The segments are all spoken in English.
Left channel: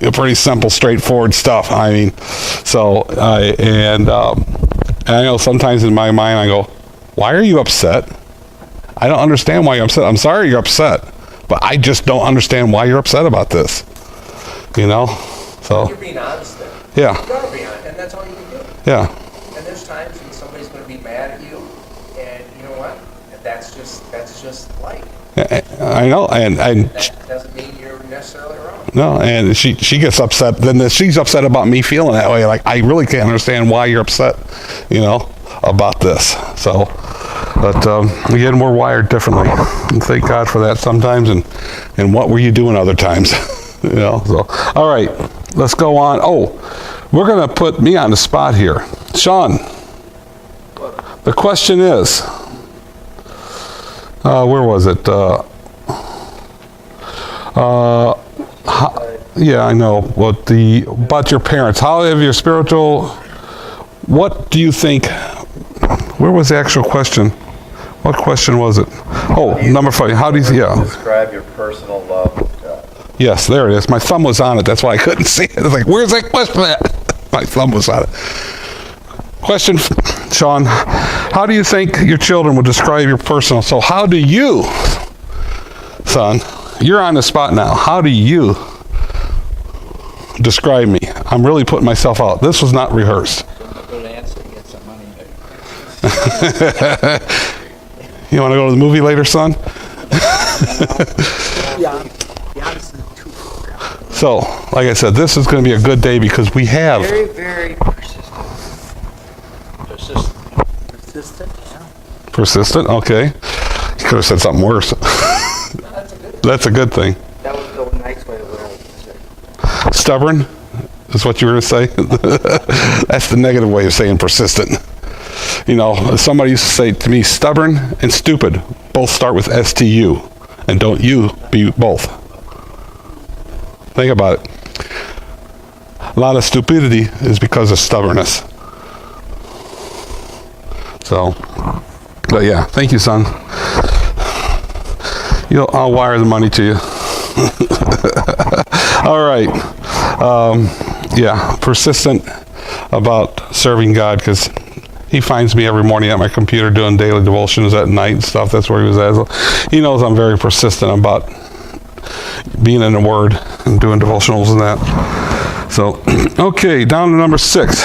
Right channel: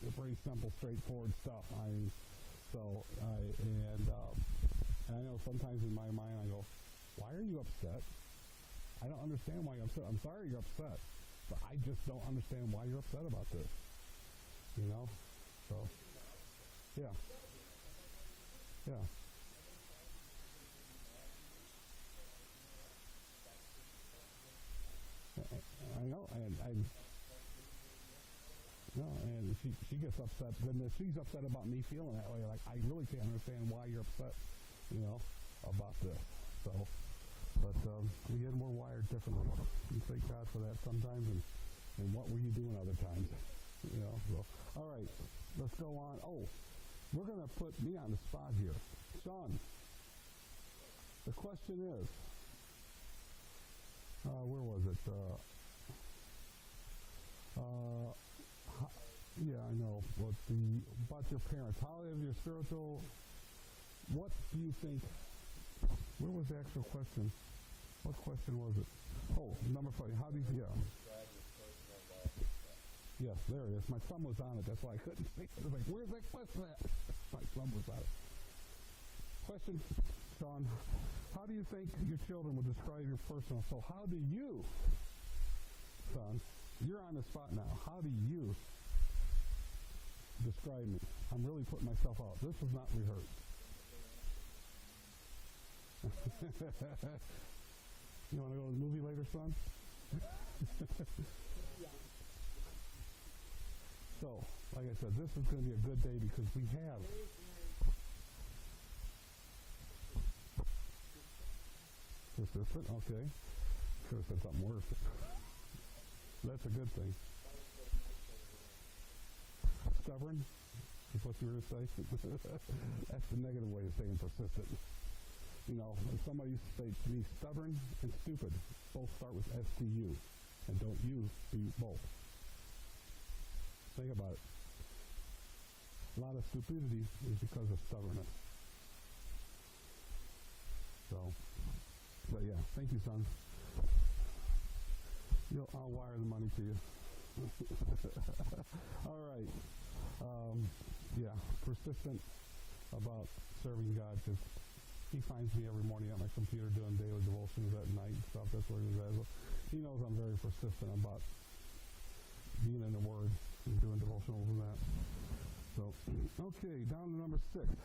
pretty simple, straightforward stuff. I mean, so and I know sometimes in my mind I go, why are you upset? I don't understand why you're upset. I'm sorry you're upset, but I just don't understand why you're upset about this. You know, so you're being honest there. Yeah. You gotta be honest, and that's all you can do. Yeah. And there's times when somebody's going to be mad at you, and you know what? That's just life. I know, and That doesn't mean you're necessarily wrong. no, and she gets upset. Then she's upset about me feeling that way. Like, I really can't understand why you're upset, you know, about this. So, but again, we're wired differently, and thank God for that sometimes. And what were you doing other times? You know. So, all right, let's go on. Oh, we're gonna put me on the spot here, Sean. The question is, where was it? Yeah, I know. What about your parents? How have your spiritual? What do you think? Where was the actual question? What question was it? Oh, number 5. How do you? Yeah. Describe your personal love with God. Yes, there it is. My thumb was on it. That's why I couldn't see it. I was like, "Where's that question at?" My thumb was on it. Question, Sean. How do you think your children would describe your personal? So, how do you, son? You're on the spot now. How do you describe me? I'm really putting myself out. This was not rehearsed. Good answer. Get some money. You want to go to the movie later, son? Yeah. Honestly, too. So, like I said, this is going to be a good day because we have. Very, very persistent. Persistent, yeah. Persistent, okay. You could have said something worse. That's a good thing. That was the nice way to say. Stubborn is what you were going to say? That's the negative way of saying persistent. You know, somebody used to say to me, stubborn and stupid both start with STU. And don't you be both. Think about it. A lot of stupidity is because of stubbornness. So, but yeah, thank you, son. I'll wire the money to you. All right. Yeah, persistent about serving God because he finds me every morning at my computer doing daily devotions at night and stuff. That's where he was at. So he knows I'm very persistent about being in the Word and doing devotionals and that. So, okay, down to number 6.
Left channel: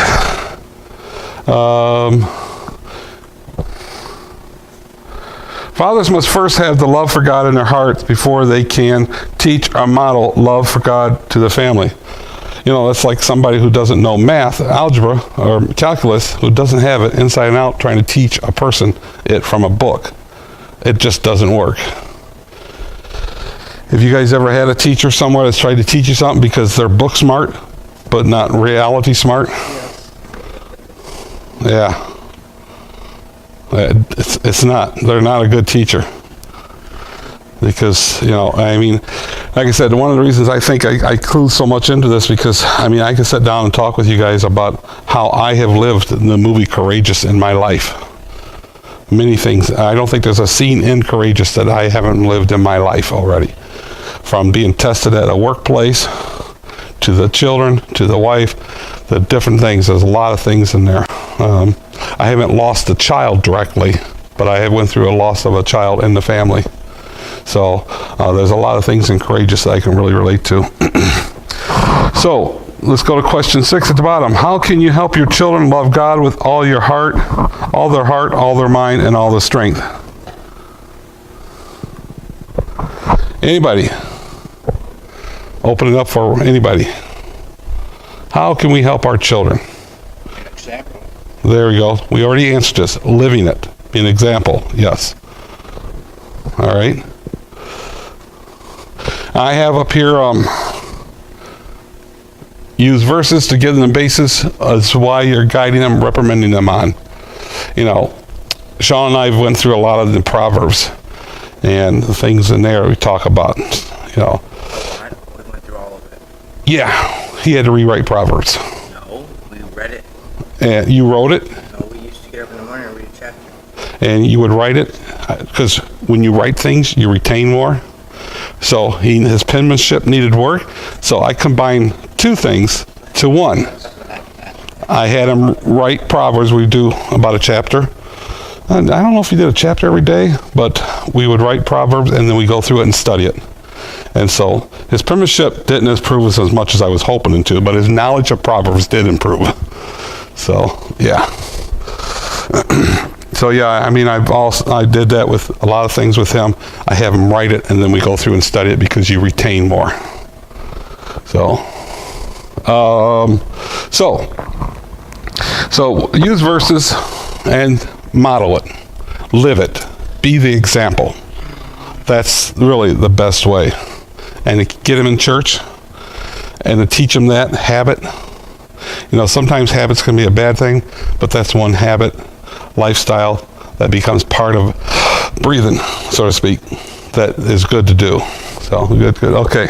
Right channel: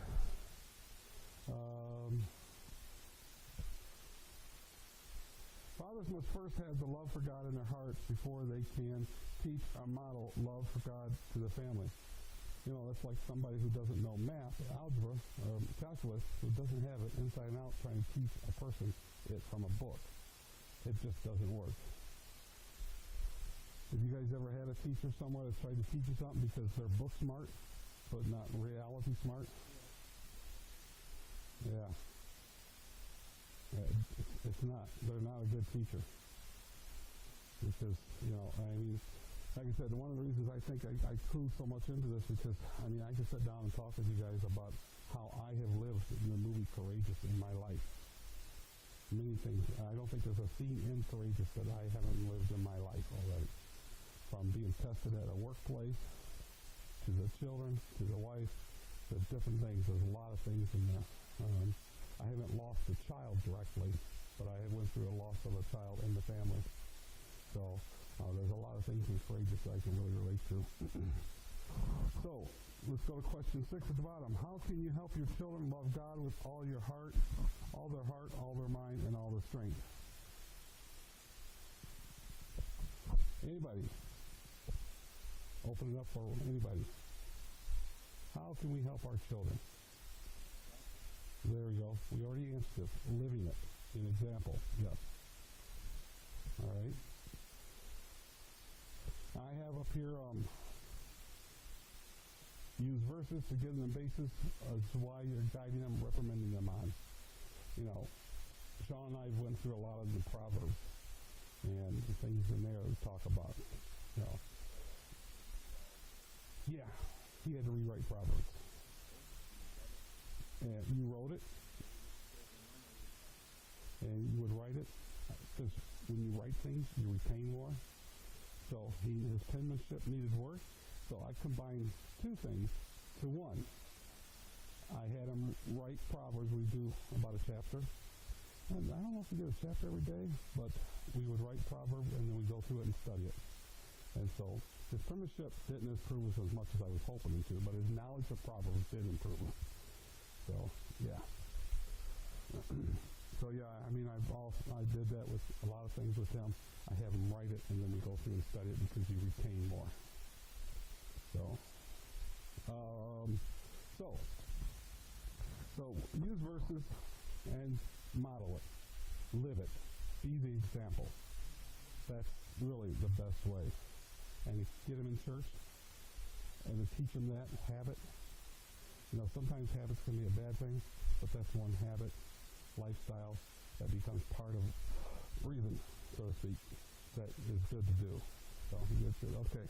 Fathers must first have the love for God in their hearts before they can teach or model love for God to the family. You know, that's like somebody who doesn't know math, algebra, or calculus, who doesn't have it inside and out trying to teach a person it from a book. It just doesn't work. Have you guys ever had a teacher somewhere that's tried to teach you something because they're book smart, but not reality smart? Yeah. It's not. They're not a good teacher. Because, you know, I mean, like I said, one of the reasons I think I clue so much into this because, I mean, I can sit down and talk with you guys about how I have lived in the movie Courageous in my life. Many things. I don't think there's a scene in Courageous that I haven't lived in my life already. From being tested at a workplace, to the children, to the wife, the different things. There's a lot of things in there. I haven't lost a child directly, but I have went through a loss of a child in the family. So there's a lot of things in Courageous that I can really relate to. So let's go to question 6 at the bottom. How can you help your children love God with all your heart, all their mind, and all their strength? Anybody? Open it up for anybody. How can we help our children? Example. There we go. We already answered this. Living it. Be an example. Yes. All right. I have up here use verses to give them the basis as to why you're guiding them, reprimanding them on. You know, Sean and I went through a lot of the Proverbs and the things in there we talk about, you know. We went through all of it. Yeah, he had to rewrite Proverbs. No, we read it. And you wrote it? No, we used to get up in the morning and read a chapter. And you would write it? Because when you write things, you retain more. So his penmanship needed work. So I combined two things to one. I had him write Proverbs. We do about a chapter. And I don't know if he did a chapter every day, but we would write Proverbs and then we go through it and study it. And so his penmanship didn't improve as much as I was hoping it to, but his knowledge of Proverbs did improve. So, yeah. So, yeah, I mean, I did that with a lot of things with him. I have him write it, and then we go through and study it because you retain more. So use verses and model it. Live it. Be the example. That's really the best way. And to get them in church and to teach them that habit. You know, sometimes habits can be a bad thing, but that's one habit, lifestyle, that becomes part of breathing, so to speak, that is good to do. So, good. Okay.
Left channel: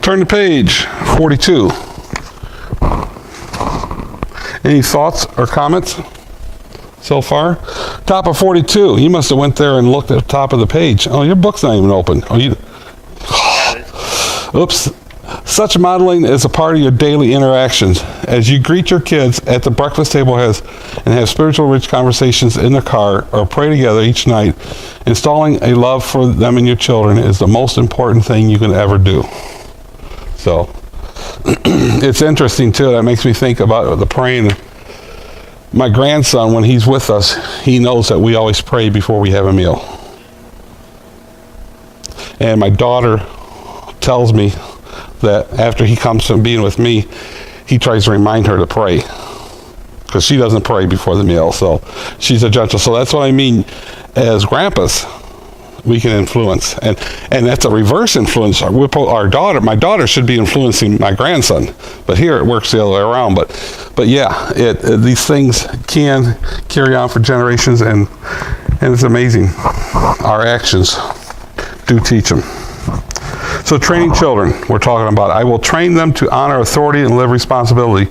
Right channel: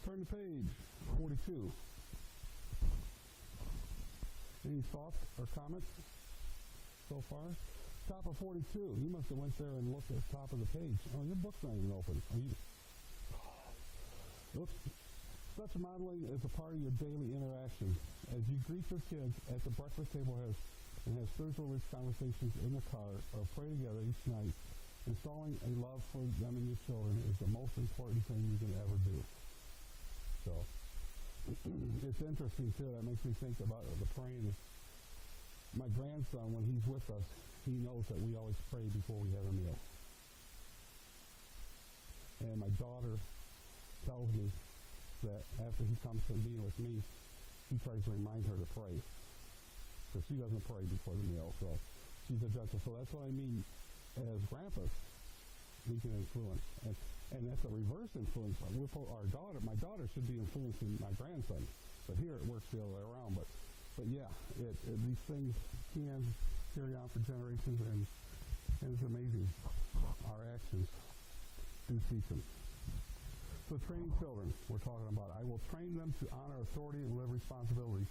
Turn to page 42. Any thoughts or comments so far? Top of 42. You must have went there and looked at the top of the page. Oh, your book's not even open. Oh, you... Oops. Such modeling is a part of your daily interactions. As you greet your kids at the breakfast table and have spiritual rich conversations in the car or pray together each night, installing a love for them and your children is the most important thing you can ever do. So, it's interesting too. That makes me think about the praying. My grandson, when he's with us, he knows that we always pray before we have a meal. And my daughter tells me that after he comes from being with me, he tries to remind her to pray because she doesn't pray before the meal. So she's a gentle. So that's what I mean. As grandpas, we can influence, and that's a reverse influence. My daughter should be influencing my grandson, but here it works the other way around. But yeah, these things can carry on for generations, and it's amazing. Our actions do teach them. So training children, we're talking about. I will train them to honor authority and live responsibly.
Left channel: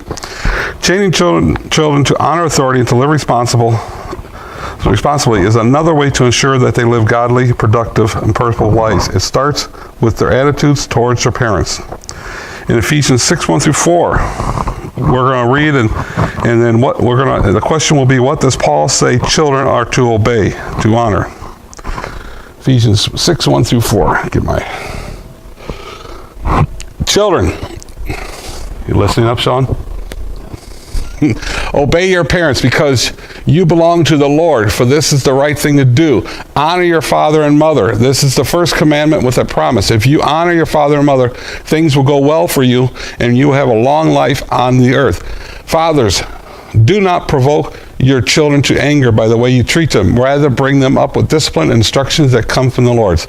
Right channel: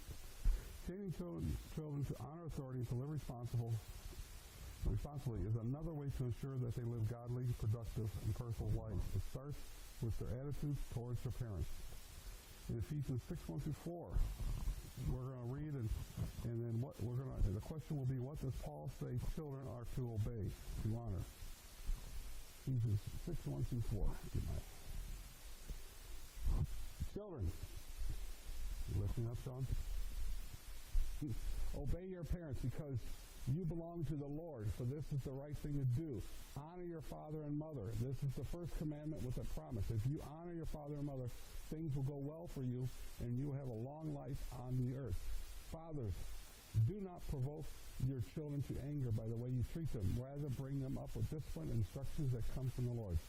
Training children to honor authority and to live responsibly is another way to ensure that they live godly, productive, and purposeful lives. It starts with their attitudes towards their parents. In Ephesians 6:1-4, we're going to read, and then the question will be, what does Paul say children are to obey, to honor? Ephesians 6:1-4. Get my children. You listening up, Sean? Obey your parents because you belong to the Lord, for this is the right thing to do. Honor your father and mother. This is the first commandment with a promise. If you honor your father and mother, things will go well for you, and you will have a long life on the earth. Fathers, do not provoke your children to anger by the way you treat them. Rather, bring them up with discipline and instructions that come from the Lord.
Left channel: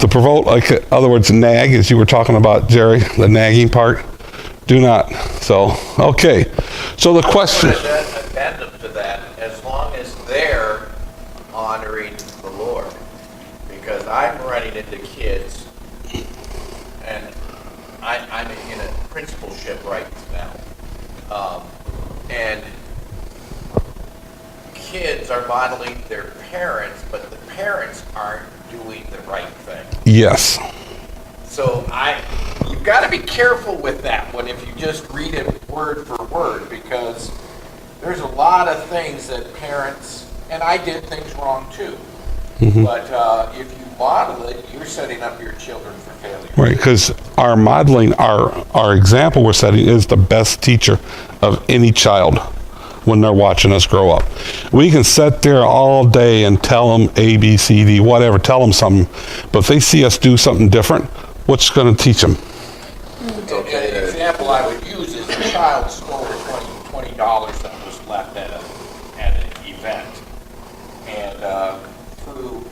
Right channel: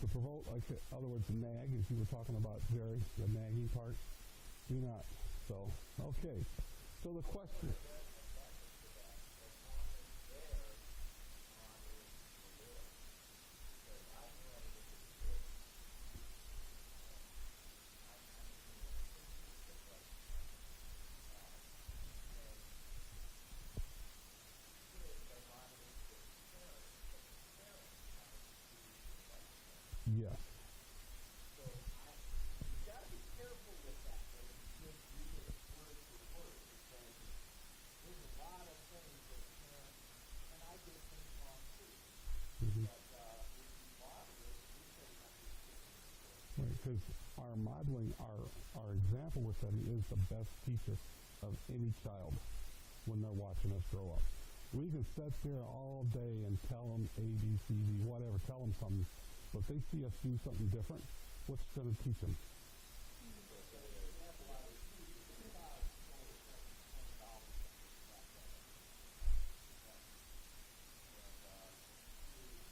To provoke, like, in other words, nag, as you were talking about, Jerry, the nagging part. Do not. So, okay. So the question... Addendum to that, as long as they're honoring the Lord. Because I'm running into kids, and I'm in a principalship right now. And kids are modeling their parents, but the parents aren't doing the right thing. Yes. So you've got to be careful with that one if you just read it word for word, because there's a lot of things that parents, and I did things wrong too, but if you model it, you're setting up your children for failure. Right, because our modeling, our example we're setting is the best teacher of any child when they're watching us grow up. We can sit there all day and tell them A, B, C, D, whatever, tell them something, but if they see us do something different, what's going to teach them? Okay, an example I would use is a child stole $20 that was left at an event. And through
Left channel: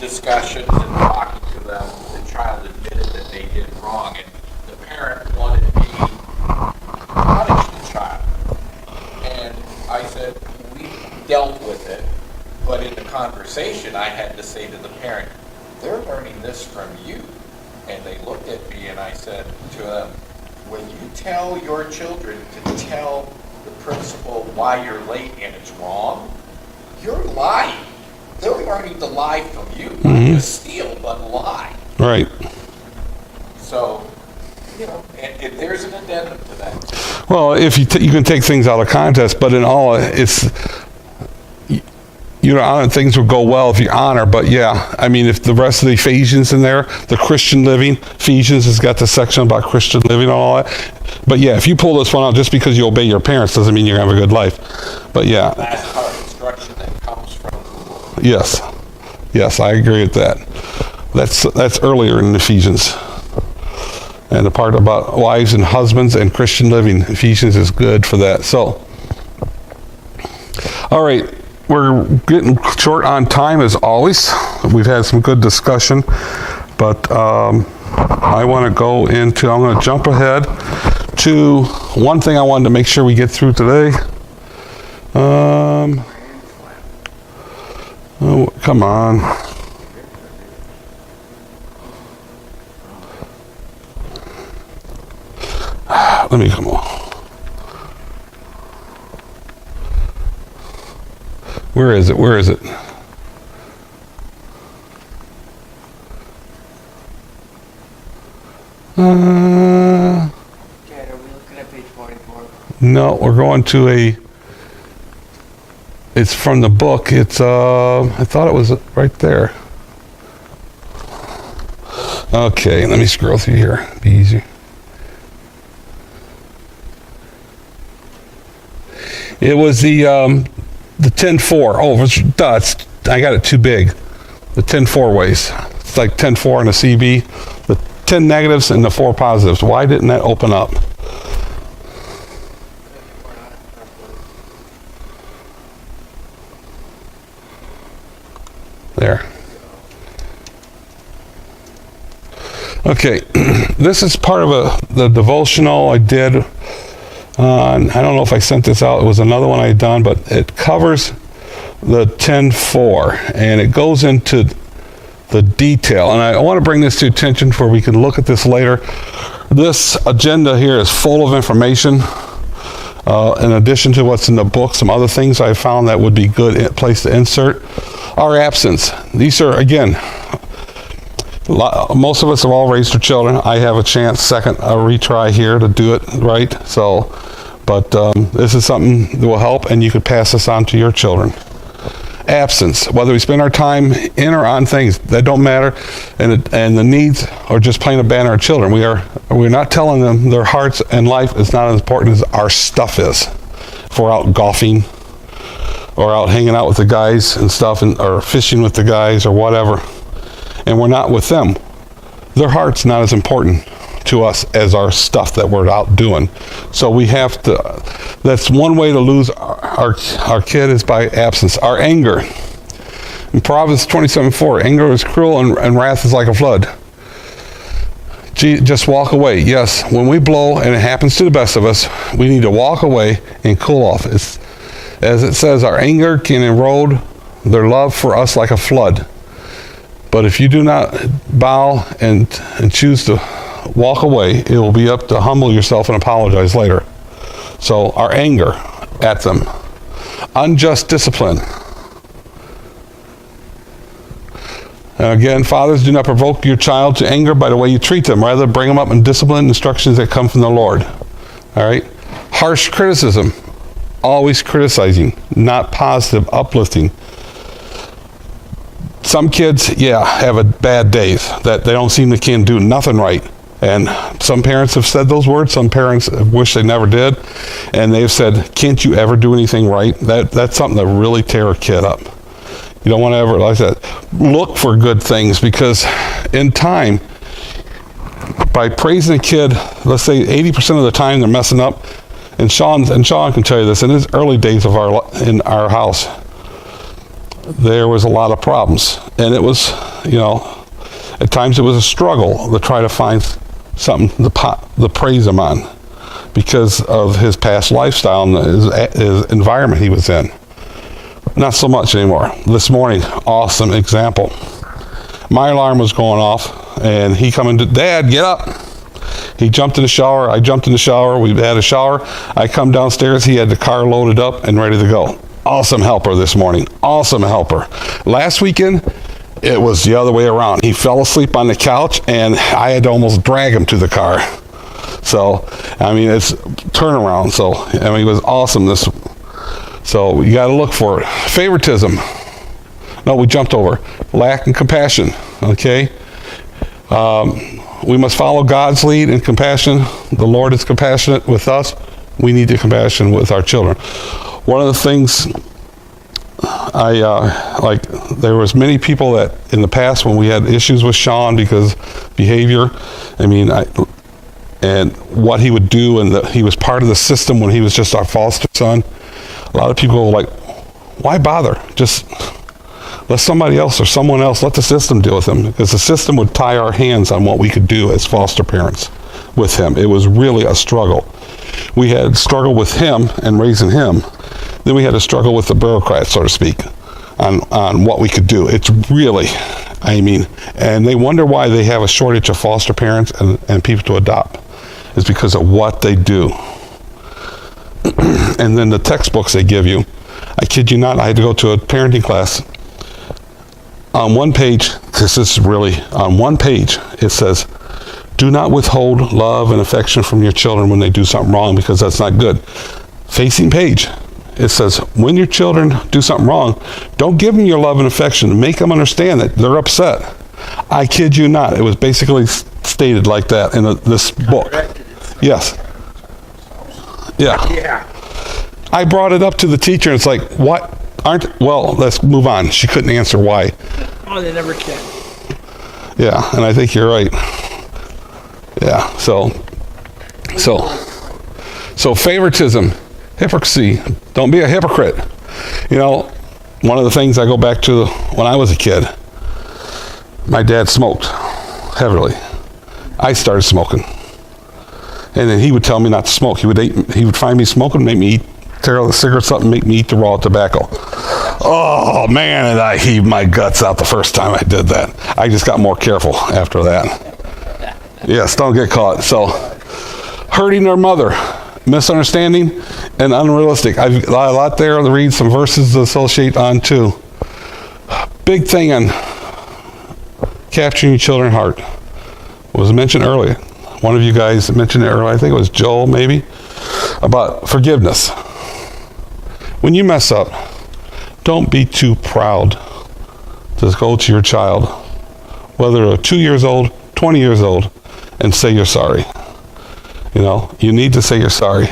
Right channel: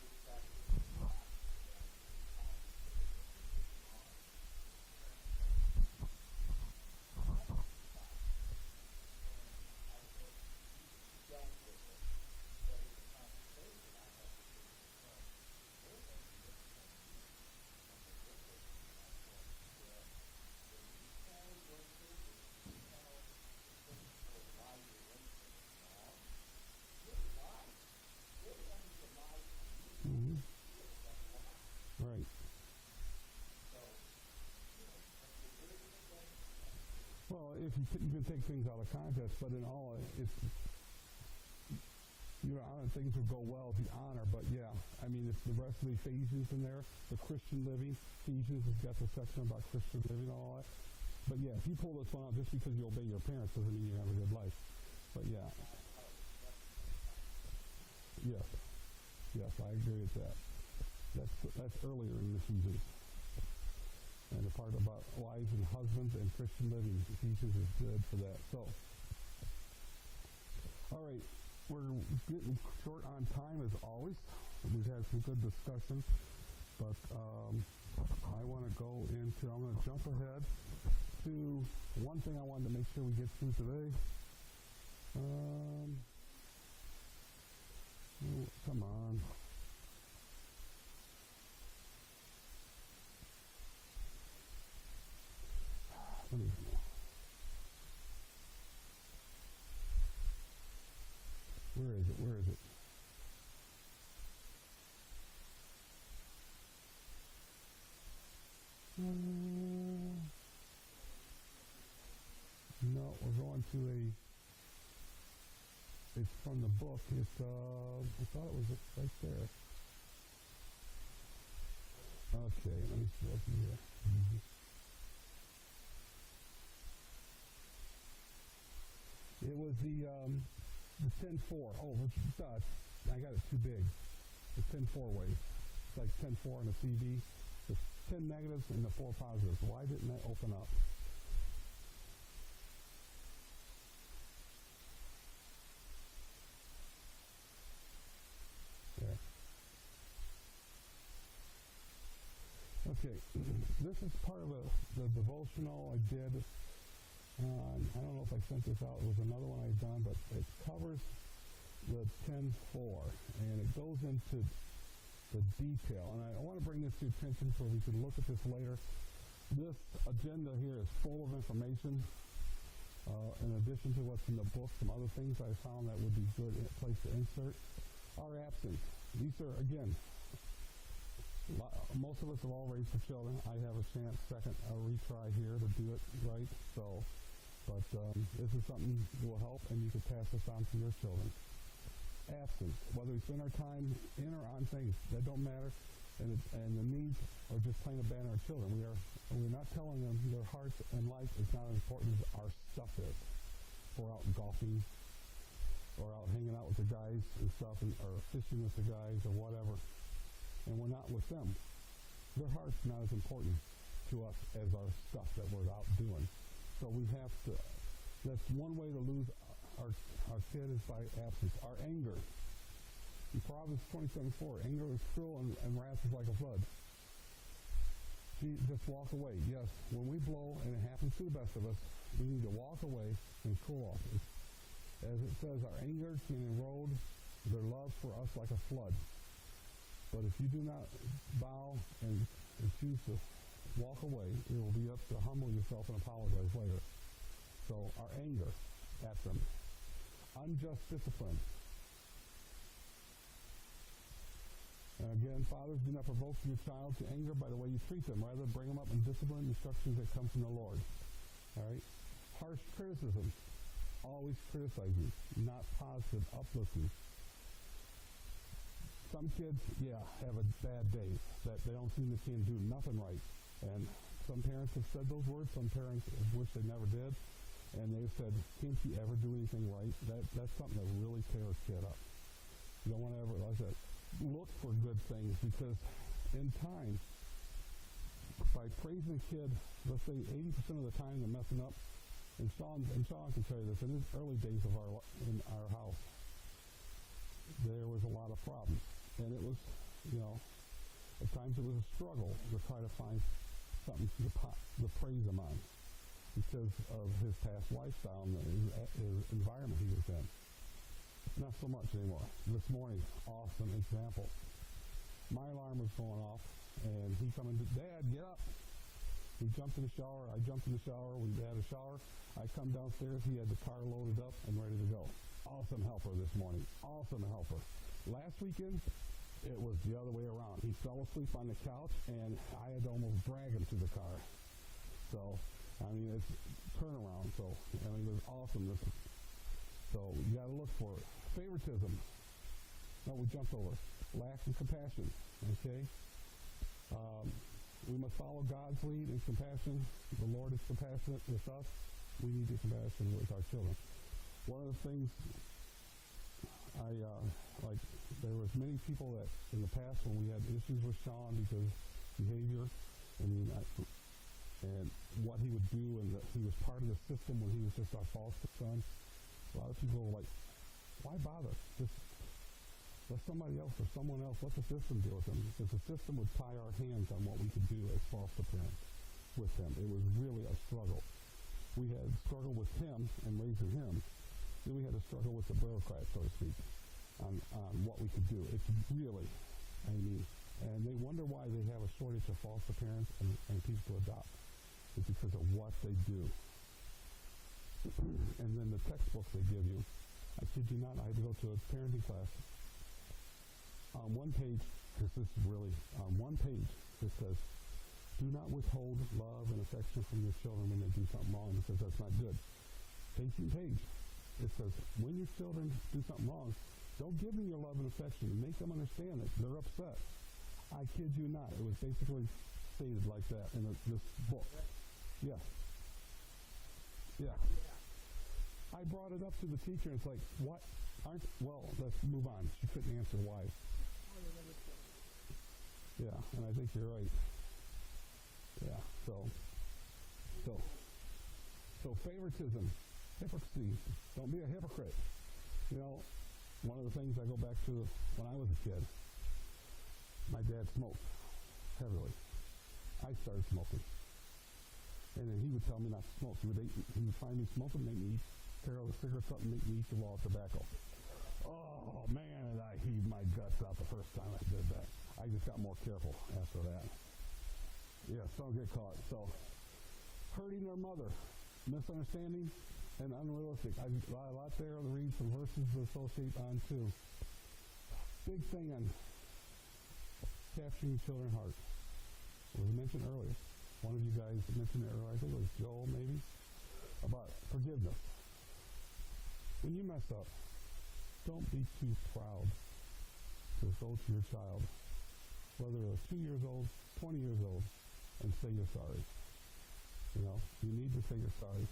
discussions and talking to them, the child admitted that they did wrong, and the parent wanted me to punish the child. And I said, we dealt with it, but in the conversation I had to say to the parent, they're learning this from you. And they looked at me and I said to them, when you tell your children to tell the principal why you're late and it's wrong, you're lying. They're learning to lie from you, not just steal, but lie. Right. So, you know, and there's an addendum to that. Well, if you can take things out of context, but in all, it's honor things will go well if you honor. But yeah, I mean, if the rest of the Ephesians in there, the Christian living, Ephesians has got the section about Christian living and all that. But yeah, if you pull this one out just because you obey your parents doesn't mean you're gonna have a good life. But yeah. That's part of instruction that comes from. Yes. Yes, I agree with that. That's earlier in Ephesians. And the part about wives and husbands and Christian living, Ephesians is good for that. So, all right, we're getting short on time as always. We've had some good discussion, but I want to go into, I'm going to jump ahead to one thing I wanted to make sure we get through today. Oh, come on. Let me come on. Where is it? Where is it? Chad, are we looking at page 44? No, we're going to it's from the book. It's, I thought it was right there. Okay, let me scroll through here. Be easy. It was the 10-4. Oh, I got it too big. The 10-4 ways. It's like 10-4 on a CB. The 10 negatives and the 4 positives. Why didn't that open up? There. Okay, this is part of the devotional I did. I don't know if I sent this out. It was another one I had done, but it covers the 10-4, and it goes into the detail. And I want to bring this to attention where we can look at this later. This agenda here is full of information. In addition to what's in the book, some other things I found that would be good place to insert. Our absence. These are, again, most of us have all raised our children. I have a chance, a retry here to do it right. So, but this is something that will help, and you could pass this on to your children. Absence, whether we spend our time in or on things, that don't matter, and the needs are just plain abandon our children. We're not telling them their hearts and life is not as important as our stuff is. If we're out golfing, or out hanging out with the guys and stuff, or fishing with the guys or whatever, and we're not with them, their heart's not as important to us as our stuff that we're out doing. So we have to, that's one way to lose our kid is by absence. Our anger. In Proverbs 27:4, anger is cruel and wrath is like a flood. Just walk away. Yes, when we blow, and it happens to the best of us, we need to walk away and cool off. As it says, our anger can erode their love for us like a flood. But if you do not bow and choose to walk away, it will be up to humble yourself and apologize later. So our anger at them. Unjust discipline. And again, fathers, do not provoke your child to anger by the way you treat them. Rather, bring them up in discipline instructions that come from the Lord. All right? Harsh criticism. Always criticizing, not positive, uplifting. Some kids, have a bad days that they don't seem to can do nothing right. And some parents have said those words. Some parents wish they never did. And they've said, can't you ever do anything right? That's something that really tear a kid up. You don't want to ever, like that, look for good things, because in time, by praising a kid, let's say 80% of the time they're messing up. And Sean can tell you this, in his early days in our house, there was a lot of problems. And it was, at times it was a struggle to try to find something to praise him on because of his past lifestyle and his environment he was in. Not so much anymore. This morning, awesome example. My alarm was going off, and he come into, Dad, get up. He jumped in the shower. I jumped in the shower. We had a shower. I come downstairs. He had the car loaded up and ready to go. Awesome helper this morning. Awesome helper. Last weekend, It was the other way around. He fell asleep on the couch, and I had to almost drag him to the car. So, I mean, it's turnaround. So, I mean, it was awesome. So you got to look for it. Favoritism. No, we jumped over. Lack of compassion. Okay. We must follow God's lead in compassion. The Lord is compassionate with us. We need the compassion with our children. One of the things there was many people that in the past when we had issues with Sean because behavior, and what he would do, and he was part of the system when he was just our foster son. A lot of people were like, why bother? Just let somebody else or someone else, let the system deal with him, because the system would tie our hands on what we could do as foster parents with him. It was really a struggle. We had struggle with him and raising him. Then we had to struggle with the bureaucrats, so to speak, on what we could do. It's really, and they wonder why they have a shortage of foster parents and people to adopt. It's because of what they do. And then the textbooks they give you, I kid you not, I had to go to a parenting class. On one page, this is really, on one page, it says, do not withhold love and affection from your children when they do something wrong, because that's not good. Facing page, it says, when your children do something wrong, don't give them your love and affection. Make them understand that they're upset. I kid you not. It was basically stated like that in this book. Yes. Yeah. Yeah. I brought it up to the teacher, and it's like, what? Well, let's move on. She couldn't answer why. Oh, they never can. Yeah, and I think you're right. Yeah, so favoritism, hypocrisy. Don't be a hypocrite. One of the things I go back to when I was a kid, my dad smoked heavily. I started smoking. And then he would tell me not to smoke. He would find me smoking, make me tear all the cigarettes up and make me eat the raw tobacco. Oh, man, and I heaved my guts out the first time I did that. I just got more careful after that. Yes, don't get caught. So, hurting their mother, misunderstanding, and unrealistic. I've got a lot there to read, some verses to associate on too. Big thing on capturing your children's heart was mentioned earlier. One of you guys mentioned it earlier, I think it was Joel maybe, about forgiveness. When you mess up, don't be too proud to go to your child, whether they're 2 years old, 20 years old, and say you're sorry. You need to say you're sorry.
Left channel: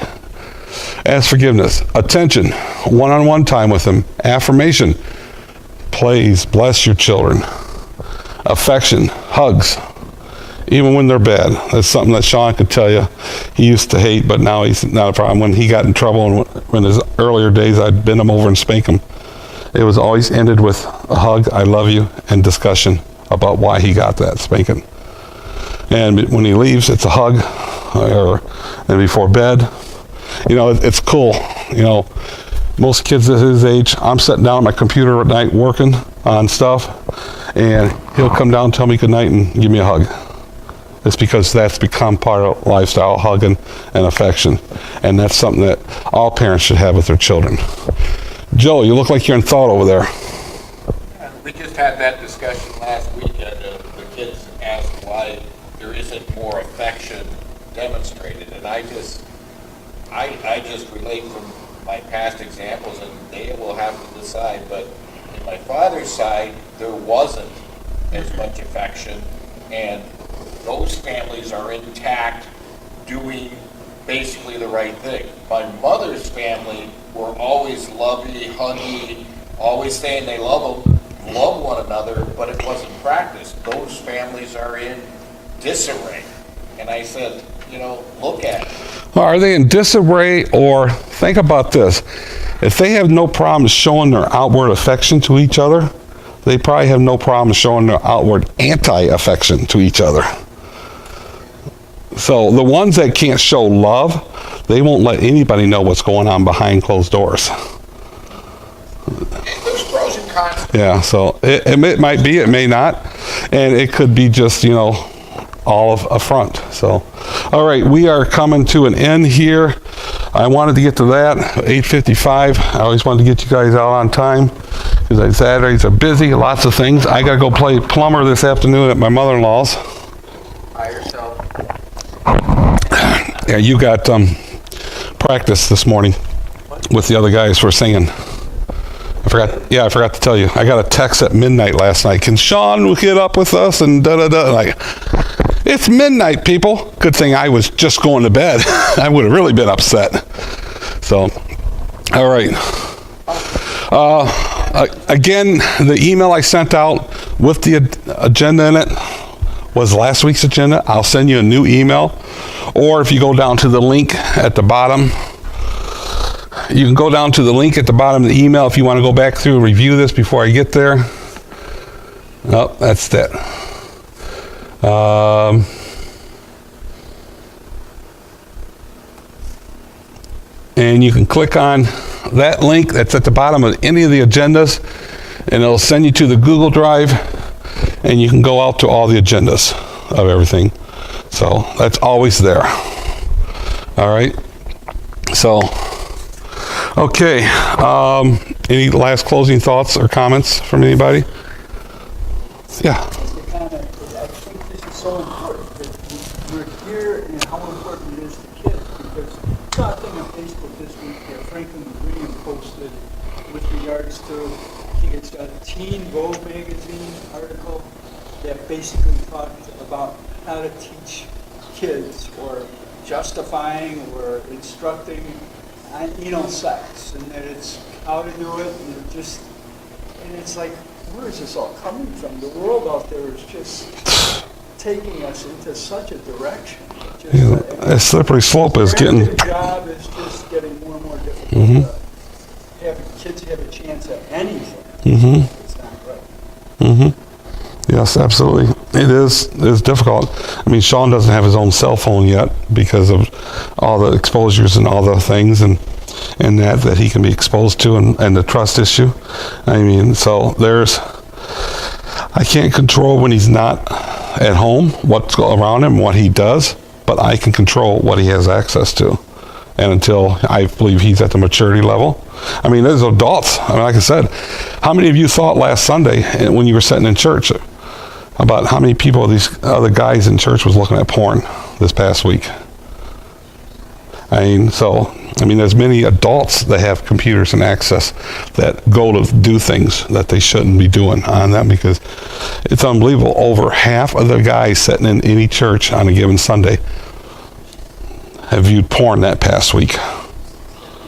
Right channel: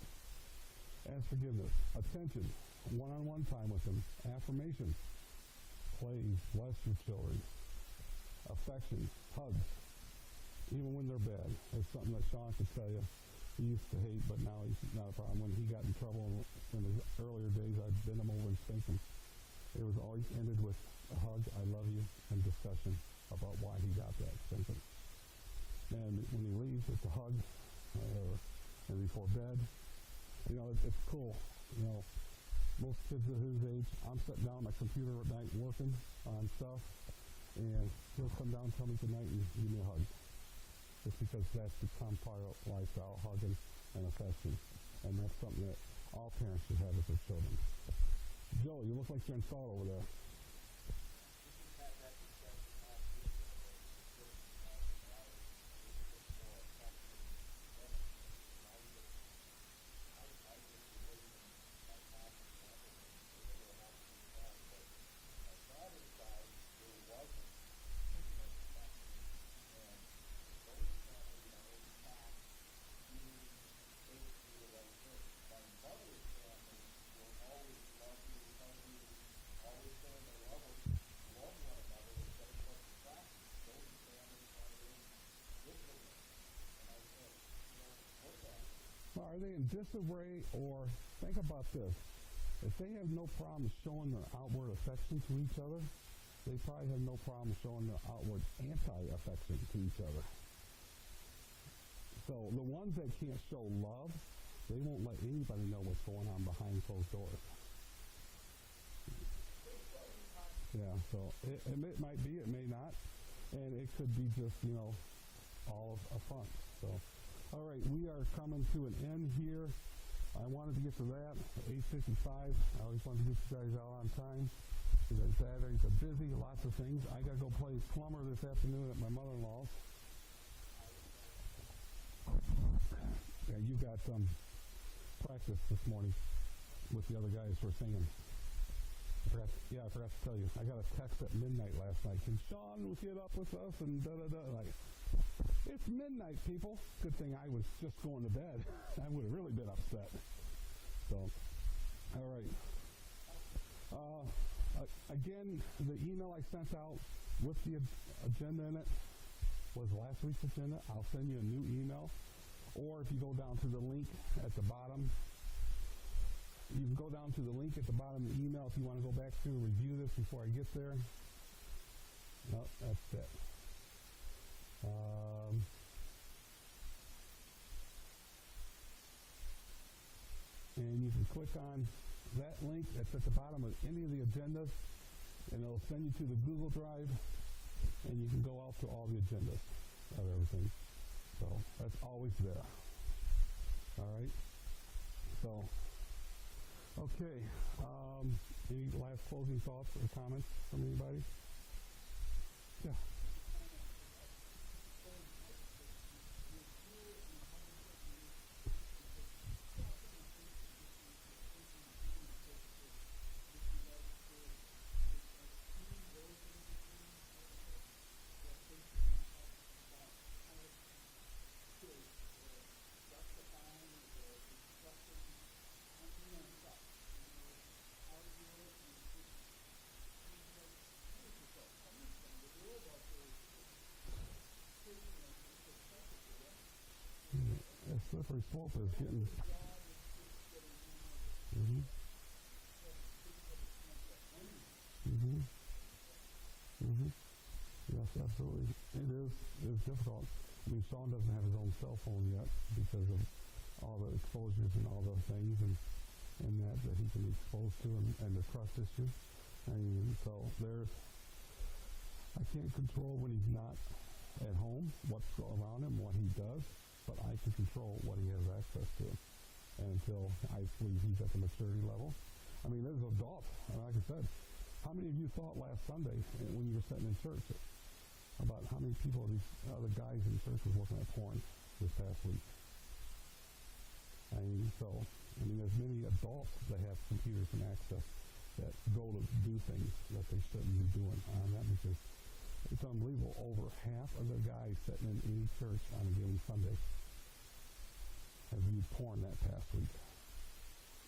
As forgiveness, attention, one-on-one time with them, affirmation, please bless your children, affection, hugs, even when they're bad. That's something that Sean could tell you he used to hate, but now he's not a problem. When he got in trouble, and in his earlier days, I'd bend him over and spank him. It was always ended with a hug, I love you, and discussion about why he got that spanking. And when he leaves, it's a hug, and before bed. It's cool. Most kids at his age, I'm sitting down at my computer at night working on stuff, and he'll come down and tell me good night and give me a hug. It's because that's become part of lifestyle, hugging and affection. And that's something that all parents should have with their children. Joe, you look like you're in thought over there. We just had that discussion last weekend. The kids asked why there isn't more affection demonstrated. And I just relate from my past examples, and they will have to decide. But in my father's side, there wasn't as much affection, and those families are intact, doing basically the right thing. My mother's family were always lovey, huggy, always saying they love one another, but it wasn't practiced. Those families are in disarray. And I said, look at it. Are they in disarray, or think about this? If they have no problem showing their outward affection to each other, they probably have no problem showing their outward anti-affection to each other. So the ones that can't show love, they won't let anybody know what's going on behind closed doors. There's pros and cons. Yeah, so it might be, it may not, and it could be just, all of a front. So, all right, we are coming to an end here. I wanted to get to that, 8:55. I always wanted to get you guys out on time. Because Saturdays are busy, lots of things. I got to go play plumber this afternoon at my mother-in-law's. By yourself. Yeah, you got practice this morning with the other guys for singing. I forgot to tell you. I got a text at midnight last night. Can Sean get up with us? And da-da-da. Like, it's midnight, people. Good thing I was just going to bed. I would have really been upset. So, all right. Again, the email I sent out with the agenda in it was last week's agenda. I'll send you a new email. Or if you go down to the link at the bottom, you can go down to the link at the bottom of the email if you want to go back through and review this before I get there. Oh, that's that. And you can click on that link that's at the bottom of any of the agendas, and it'll send you to the Google Drive, and you can go out to all the agendas of everything. So that's always there. All right. So, okay. Any last closing thoughts or comments from anybody? Yeah. Just a comment. I think this is so important that we're here and how important it is to kids, because I saw a thing on Facebook this week that Franklin Green posted with regards to, I think it's a Teen Vogue magazine article that basically talked about how to teach kids or justifying or instructing anal sex, and that it's how to do it, and it's like, where is this all coming from? The world out there is just taking us into such a direction. A slippery slope is getting. The job is just getting more and more difficult. Kids have a chance at anything. It's not right. Yes, absolutely. It is difficult. I mean, Sean doesn't have his own cell phone yet because of all the exposures and all the things and that he can be exposed to, and the trust issue. I mean, so I can't control when he's not at home, what's around him, what he does, but I can control what he has access to. And until I believe he's at the maturity level. I mean, there's adults. I mean, like I said, how many of you thought last Sunday when you were sitting in church about how many people these other guys in church was looking at porn this past week? I mean, there's many adults that have computers and access that go to do things that they shouldn't be doing on them, because it's unbelievable. Over half of the guys sitting in any church on a given Sunday have viewed porn that past week.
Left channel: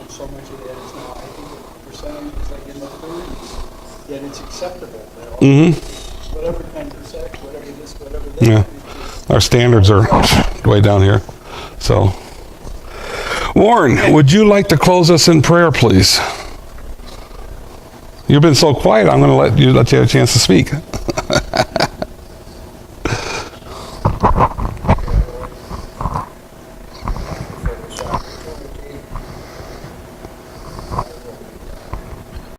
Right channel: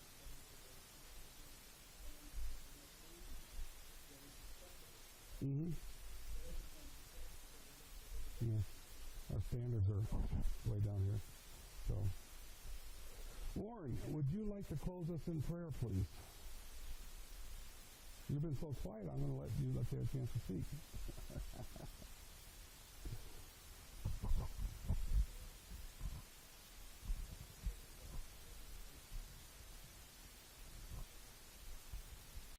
So much of that is now, I think the percentage is like in the 30s, yet it's acceptable. Whatever kind of sex, whatever this, whatever that. Yeah. Our standards are way down here. So, Warren, would you like to close us in prayer, please? You've been so quiet, I'm going to let you have a chance to speak.